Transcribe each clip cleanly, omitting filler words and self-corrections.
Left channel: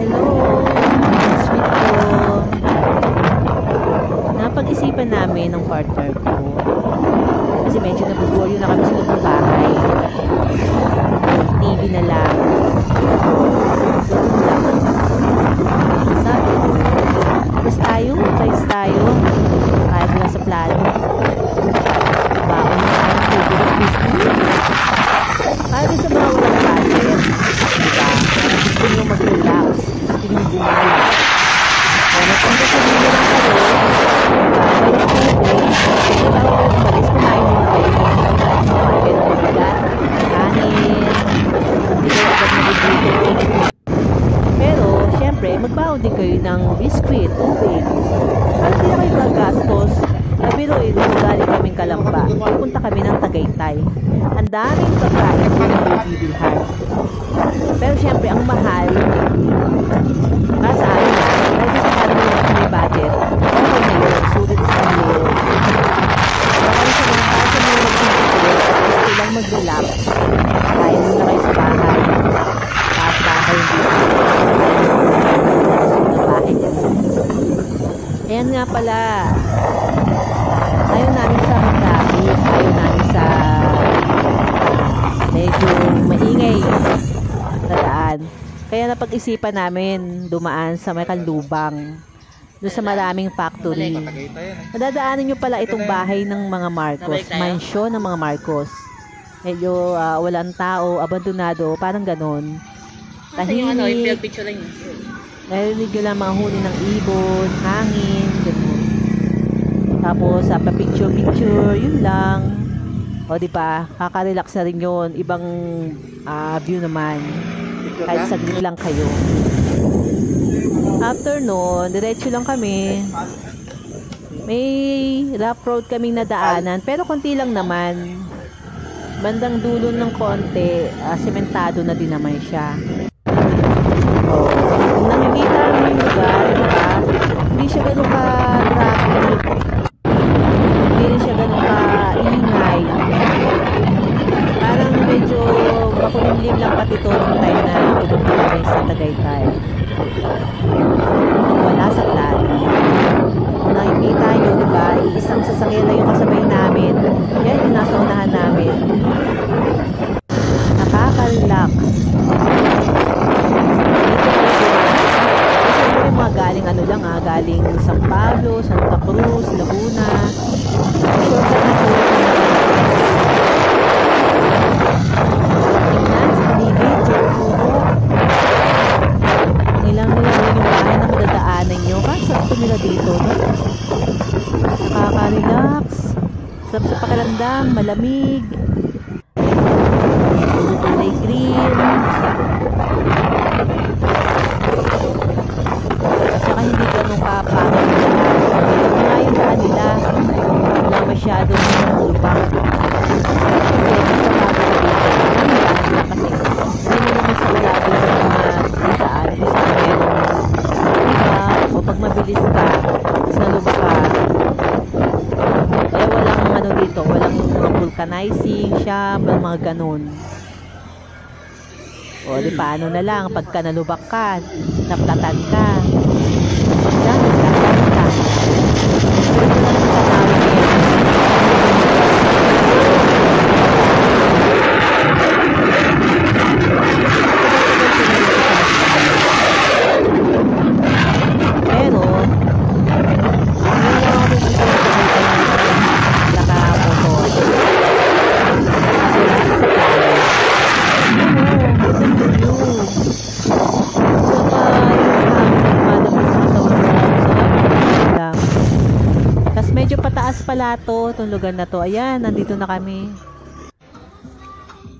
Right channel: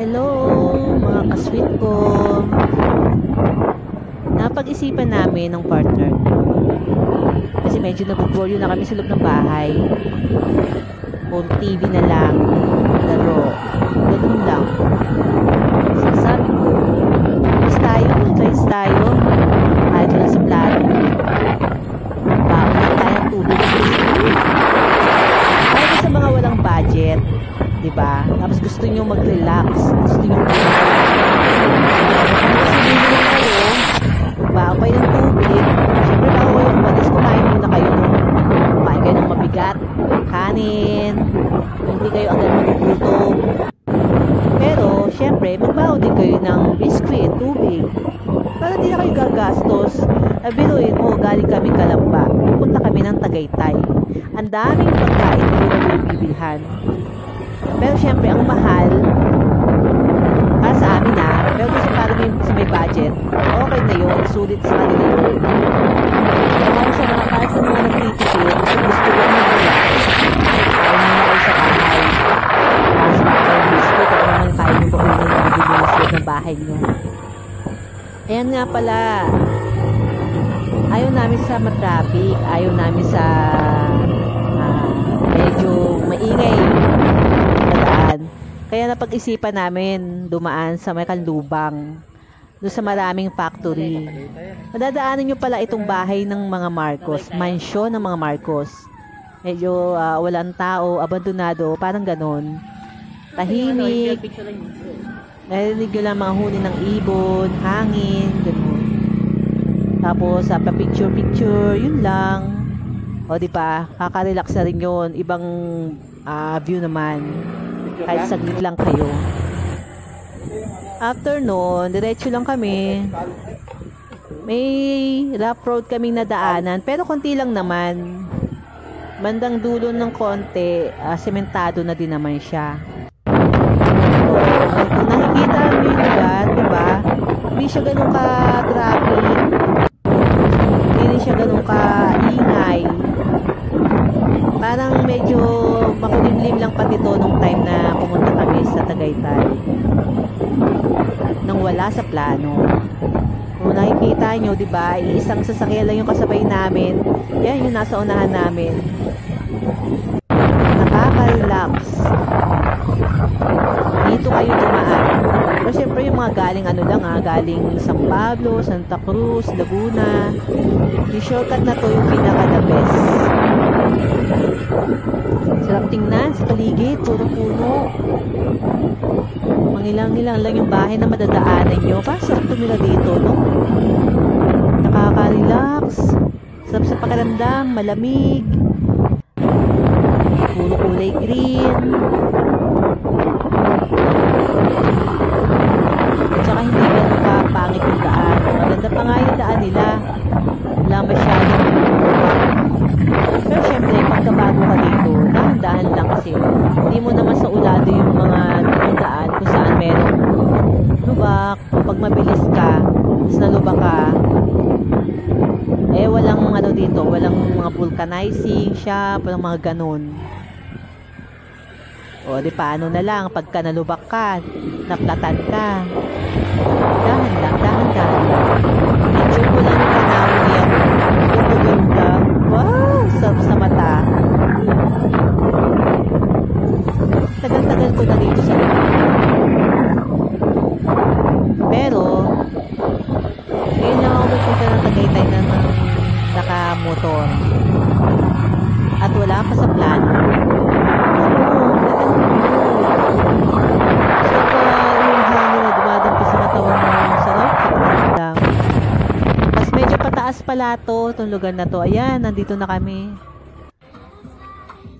Hello, mga sweet ko. Napag-isipan namin ng partner ko. Kasi medyo nabuboryo na kami sa loob ng bahay. So, TV na lang. Laro. Ganun lang. Sabi ko, tayo. Kahit wala sa plano. Baon na tayo ng tubig at biscuit. Kahit sa mga walang budget. Diba? Parang gusto nyo mag-relax. Gusto nyo gumala. Kaya napanggasolin na lang kayo. Babay ng tubig. Kasi bago kayo umalis, kumain muna kayo. Kumain kayo ng mabigat. Kanin. Hindi kayo agad magugutom. Pero, syempre, magbaon din kayo ng biscuit, tubig. Para di na kayo gagastos. Biruin mo, galing kami Kalamba. Pupunta kami ng Tagaytay. Ang daming pagkain doon na bibilhan. Pero syempre, ang mahal, para sa amin pero sa para may budget, okay na yun, sulit sa kanila yun. Pero kung sa mga para sa mga nagsisikip at gusto lang mag-relax, kaya nyo na kayo sa bahay. Parang baka kayo dito, kaya naman kaya nyo po na bahay nyo. Ayan nga pala, ayaw namin sa matraffic, ayaw namin sa medyo maingay na daan. Kaya napag-isipan namin dumaan sa may Kanlubang, doon sa maraming factory. Madadaanan nyo pala itong bahay ng mga Marcos, mansyon ng mga Marcos. Medyo walang tao, abandonado, parang ganon. Tahimik. Narinig nyo lang mga huni ng ibon, hangin, ganon. Tapos pa-picture, yun lang. O diba, kaka-relax na rin yun. Ibang view naman. Kahit saglit lang kayo. After nun, diretso lang kami. May rough road kaming nadaanan, pero konti lang naman. Bandang dulo ng konti, sementado na din naman siya. O, kung nakikita mo yung lugar, diba? Hindi siya ganun ka-traffic. Hindi rin siya ganun ka-ingay. Parang medyo makulimlim lang pati to nung time na pumunta kami sa Tagaytay. Nung wala sa plano. Kung nakikita nyo, diba, iisang sasakyan lang yung kasabay namin. Yan yung nasa unahan namin. Nakaka-relax. Dito kayo dumaan. So, syempre yung mga galing galing San Pablo, Santa Cruz, Laguna. Yung shortcut na to yung pinaka-the-best. Sarap tingnan sa paligid, puro-puro. Ang ilang lang yung bahay na madadaanan nyo. Kaso tumira dito, no? Nakaka-relax. Sarap sa pakiramdam, malamig. Puro kulay green. At saka hindi ganun kapangit yung daan. Maganda pa nga yung daan nila. Wala masyadong ubak. Pero syempre, pagkabago ka dito, dahan lang kasi. Hindi mo naman sa ulado yung mga daan kung saan meron. Diba? O pag mabilis ka, tapos naluba ka, walang dito, walang mga vulcanizing shop, walang mga ganun. O di paano na lang, pagka nalubak ka, naplatan ka, dahan lang. Enjoy ko lang yung tanawin niya, no? Sa mata. Tagal-tagal ko na dito sa pero ngayon lang ako pupunta ng Tagaytay ng nakamotor at wala ako sa plano. Listen to news. Saka yung hangin nagmadami sa katawan mo, sarap lang. Tapos medyo pataas pala itong lugar na to. Ayan, nandito na kami.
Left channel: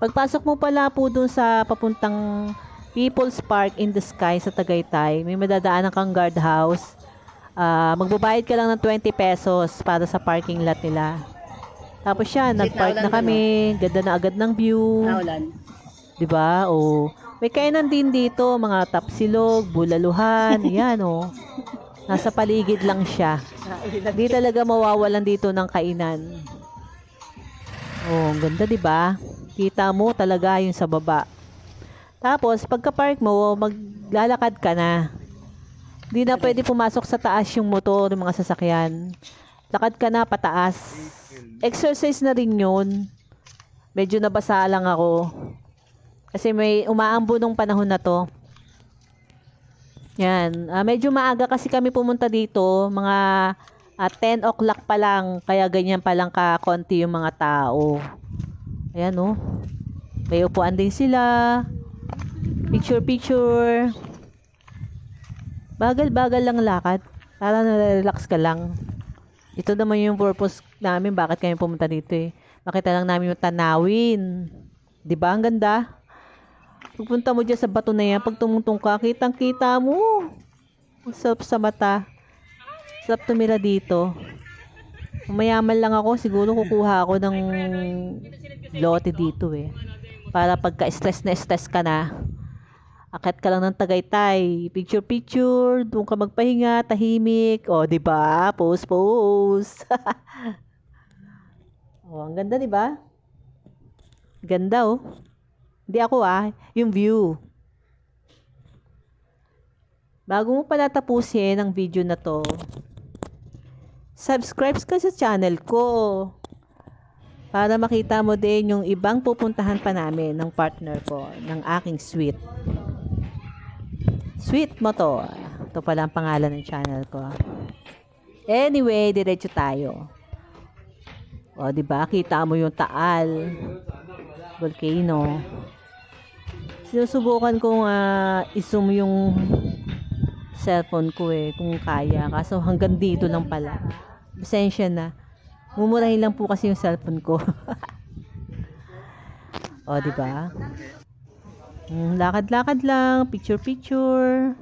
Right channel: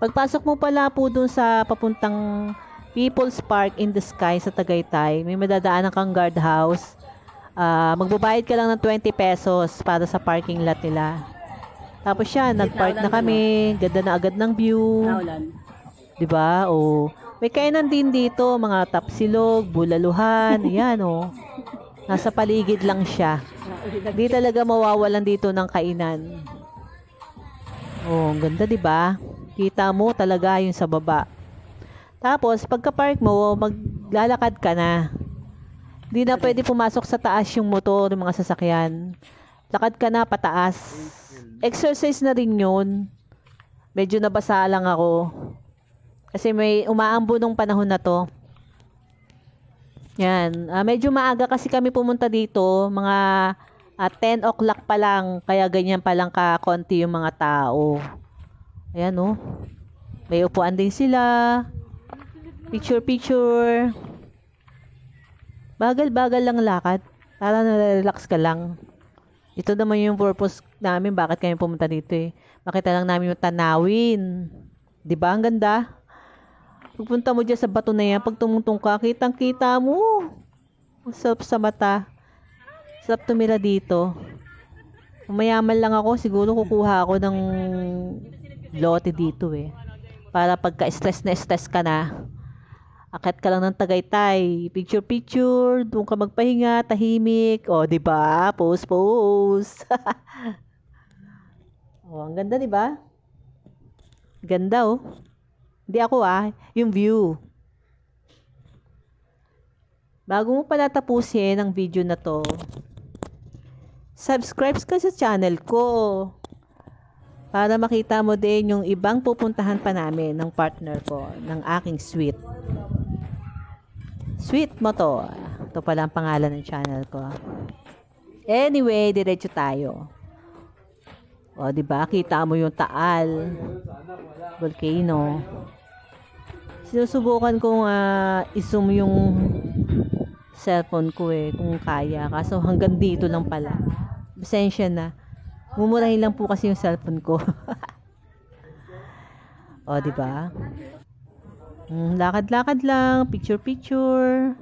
Pagpasok mo pala po dun sa papuntang People's Park in the Sky sa Tagaytay, may madadaanan kang guardhouse. Magbabayad ka lang ng 20 pesos para sa parking lot nila. Tapos siya, nagpark na kami. Ganda na agad ng view. Diba? O, may kainan din dito, mga tapsilog, bulaluhan. Ayan o. Nasa paligid lang siya. Hindi talaga mawawalan dito ng kainan. Oh, ang ganda 'di ba? Kita mo talaga yung sa baba. Tapos, pagka-park mo, maglalakad ka na. Hindi na pwede pumasok sa taas yung motor, yung mga sasakyan. Lakad ka na pataas. Exercise na rin yun. Medyo nabasa lang ako. Kasi may umaambo nung panahon na to. Yan. Medyo maaga kasi kami pumunta dito. Mga 10 o'clock pa lang. Kaya ganyan pa lang kakonti yung mga tao. Ayan oh. May upuan din sila. Picture. Bagal-bagal lang lakad. Para na-relax ka lang. Ito naman yung purpose namin. Bakit kami pumunta dito eh. Makita lang namin yung tanawin. Diba? Ang ganda. Pagpunta mo dyan sa bato na yan, pag tumungtong ka, kitang-kita mo. Sarap sa mata. Sarap tumira dito. Mayaman lang ako, siguro kukuha ako ng lote dito eh. Para pagka-stress na stress ka na, akit ka lang ng Tagaytay. Picture, doon ka magpahinga, tahimik. O, diba? Pose. O, ang ganda, diba? Ganda, oh. Hindi ako yung view. Bago mo pala tapusin ang video na to, subscribe ka sa channel ko para makita mo din yung ibang pupuntahan pa namin ng partner ko, ng aking sweet. Sweet mo to. Ito pala ang pangalan ng channel ko. Anyway, diretso tayo. O, diba? Kita mo yung Taal volcano. Sinusubukan kong i-zoom yung cellphone ko kung kaya. Kaso hanggang dito lang pala. Pasensya na. Mumurahin lang po kasi yung cellphone ko. O, diba? Lakad-lakad lang. Picture.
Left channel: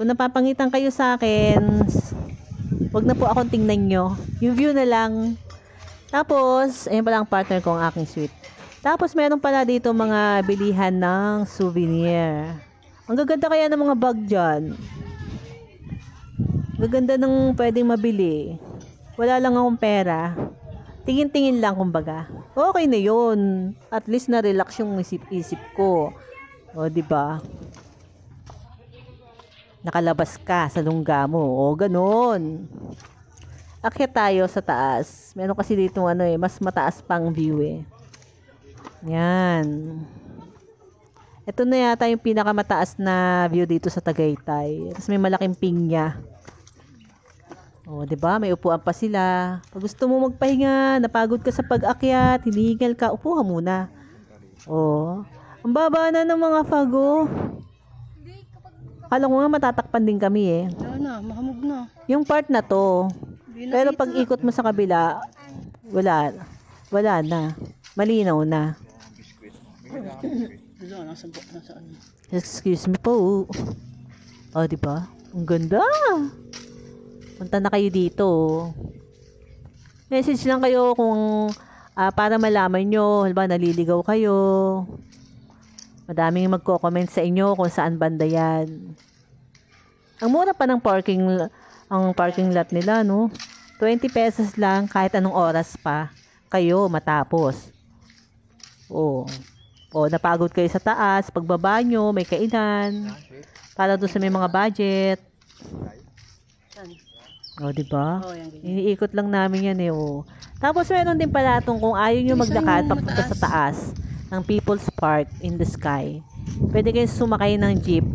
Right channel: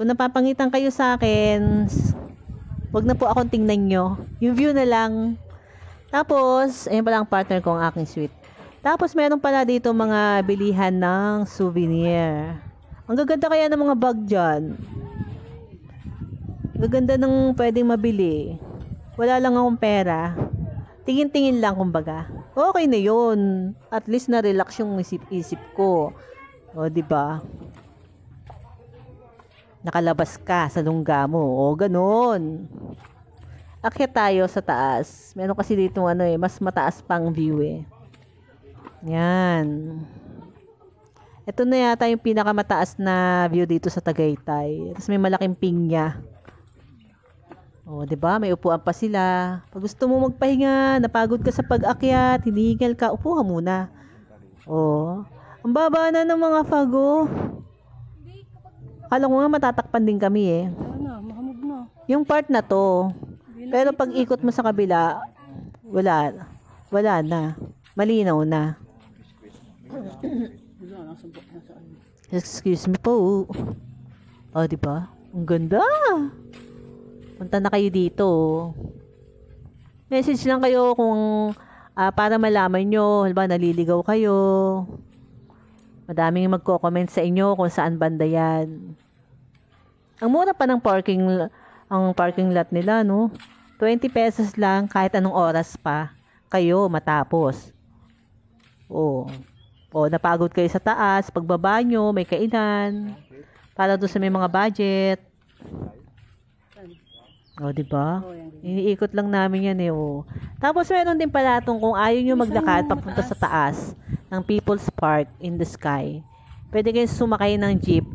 Kung napapangitan kayo sa akin, wag na po akong tingnan nyo. Yung view na lang. Tapos, ayun pala ang partner ko, ang aking sweet. Tapos, meron pala dito mga bilihan ng souvenir. Ang gaganda kaya ng mga bag dyan. Gaganda ng pwedeng mabili. Wala lang akong pera. Tingin-tingin lang kumbaga. Okay na yun. At least na-relax yung isip ko. O, diba? Nakalabas ka sa lungga mo. O, ganun. Akyat tayo sa taas. Meron kasi dito mas mataas pang view Yan. Ito na yata yung pinakamataas na view dito sa Tagaytay. Tapos may malaking pinya. O, diba? May upuan pa sila. Pag gusto mo magpahinga, napagod ka sa pag-akyat, hinihingal ka, upo ka muna. O, ang baba na ng mga fago. Akala ko nga matatakpan din kami Mahamog na. Yung part na to. Pero pag ikot mo sa kabila, wala na. Malinaw na. Excuse me po. O, diba? Ang ganda. Punta na kayo dito. Message lang kayo kung para malaman nyo, halimbawa naliligaw kayo. Madaming magko-comment sa inyo kung saan banda yan. Ang mura pa ng parking lot nila, no? 20 pesos lang kahit anong oras pa kayo matapos. Napagod kayo sa taas, pagbaba nyo, may kainan. Para doon sa may mga budget. Diba? Iniikot lang namin yan Tapos meron din pala kung ayaw nyo maglakad papunta sa taas ng People's Park in the Sky. Pwede kayo sumakay ng jeep.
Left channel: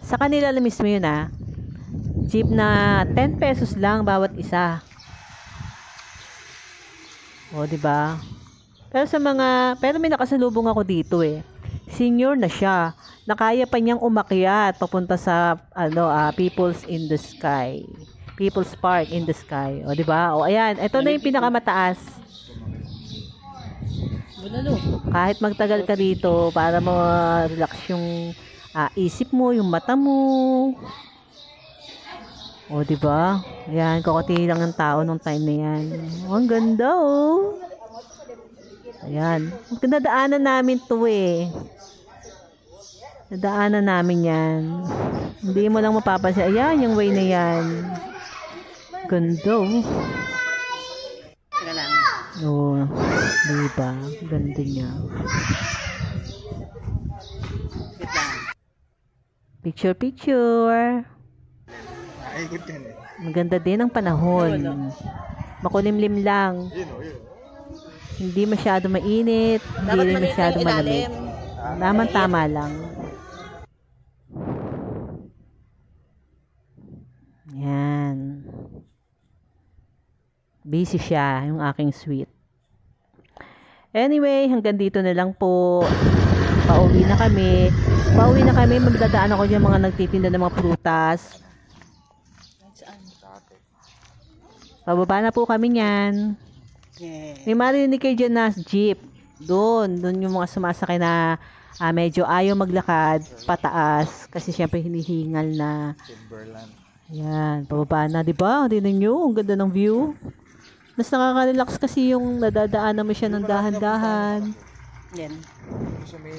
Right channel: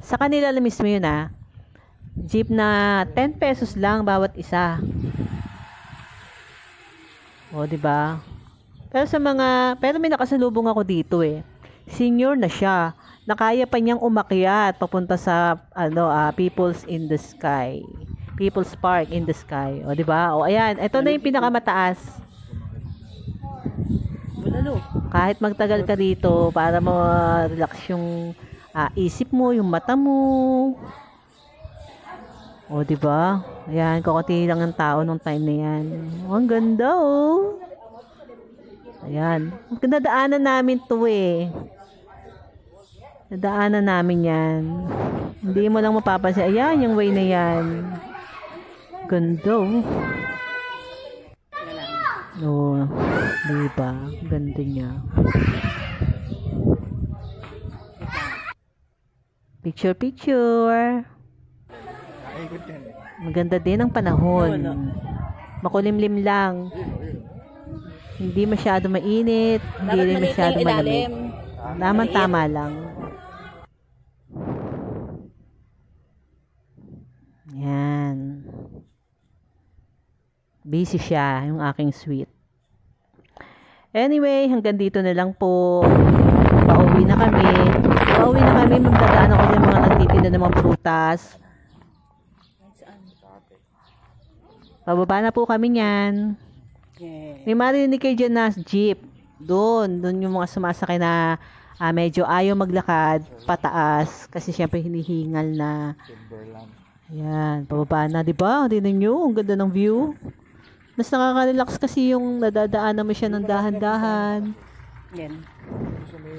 Sa kanila lang mismo yun Jeep na 10 pesos lang bawat isa. Diba? Pero may nakasalubong ako dito Senior na siya. Nakaya pa niyang umakyat papunta sa People's in the Sky. People's Park in the Sky. Diba? Ayan. Ito na yung pinakamataas. Kahit magtagal ka dito para ma-relax yung isip mo, yung mata mo. Diba? Ayan, kakati lang ng tao nung time na yan. Ang ganda Ayan. Nadaanan namin to Nadaanan namin yan. Hindi mo lang mapapansin. Ayan, yung way na yan. Ganda Diba? Ganda niya. Picture, picture. Ikot yan eh. Maganda din ang panahon. Makulimlim lang. Hindi masyado mainit, hindi rin masyado malamig. Tama lang. Yan. Busy siya, yung aking sweet. Anyway, hanggang dito na lang po. Pauwi na kami. Magdadaan ako yung mga nagtitinda ng mga prutas. Pababa na po kami niyan. May marinig kayo dyan na jeep. Doon yung mga sumasakay na medyo ayaw maglakad, pataas. Kasi syempre hinihingal na. Ayan, pababa na, diba? Tingnan nyo, ang ganda ng view. Mas nakaka-relax kasi yung nadadaan naman siya ng dahan-dahan. Yan. Sa may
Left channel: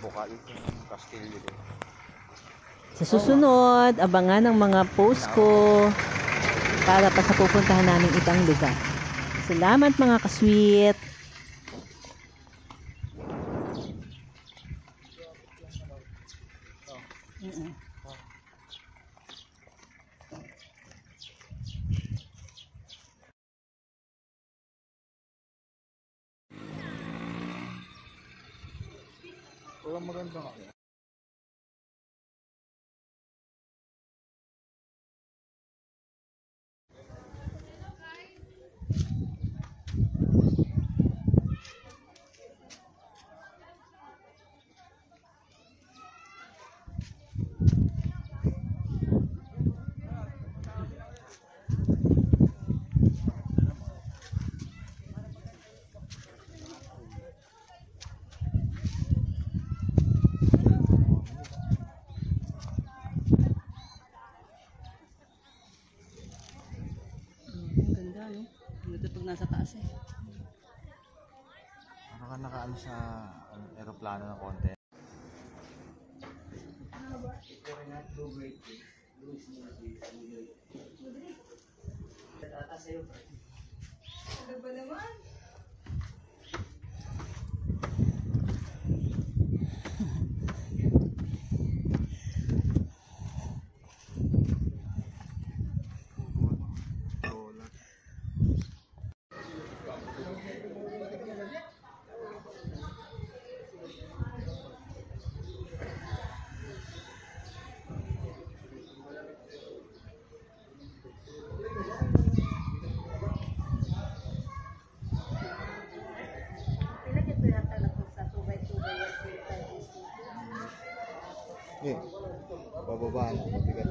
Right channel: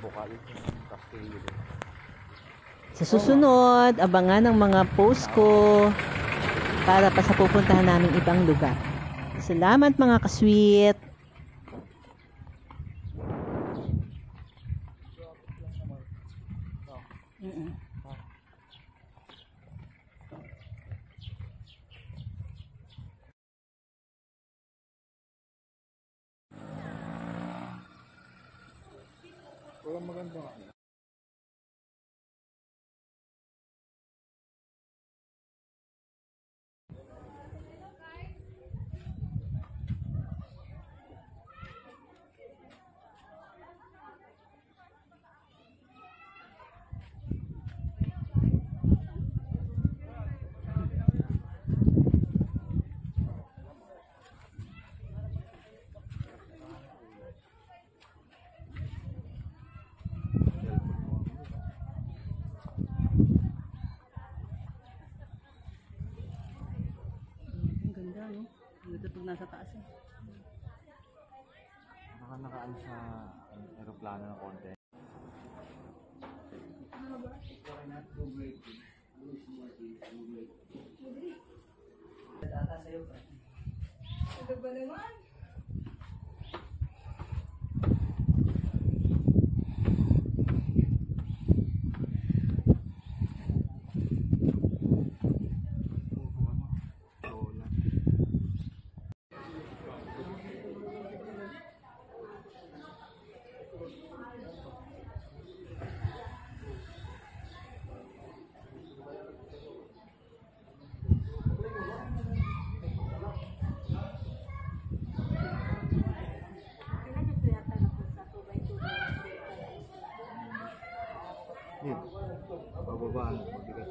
bukal, yung kastilyo din. Sa susunod, abangan ang mga post ko para pa sa pupuntahan namin ibang lugar. Salamat mga ka-sweet! Walang maganda nga. Pag nasa taas eh. Nakaano sa aeroplano ng konti. Bababa na, mabigat.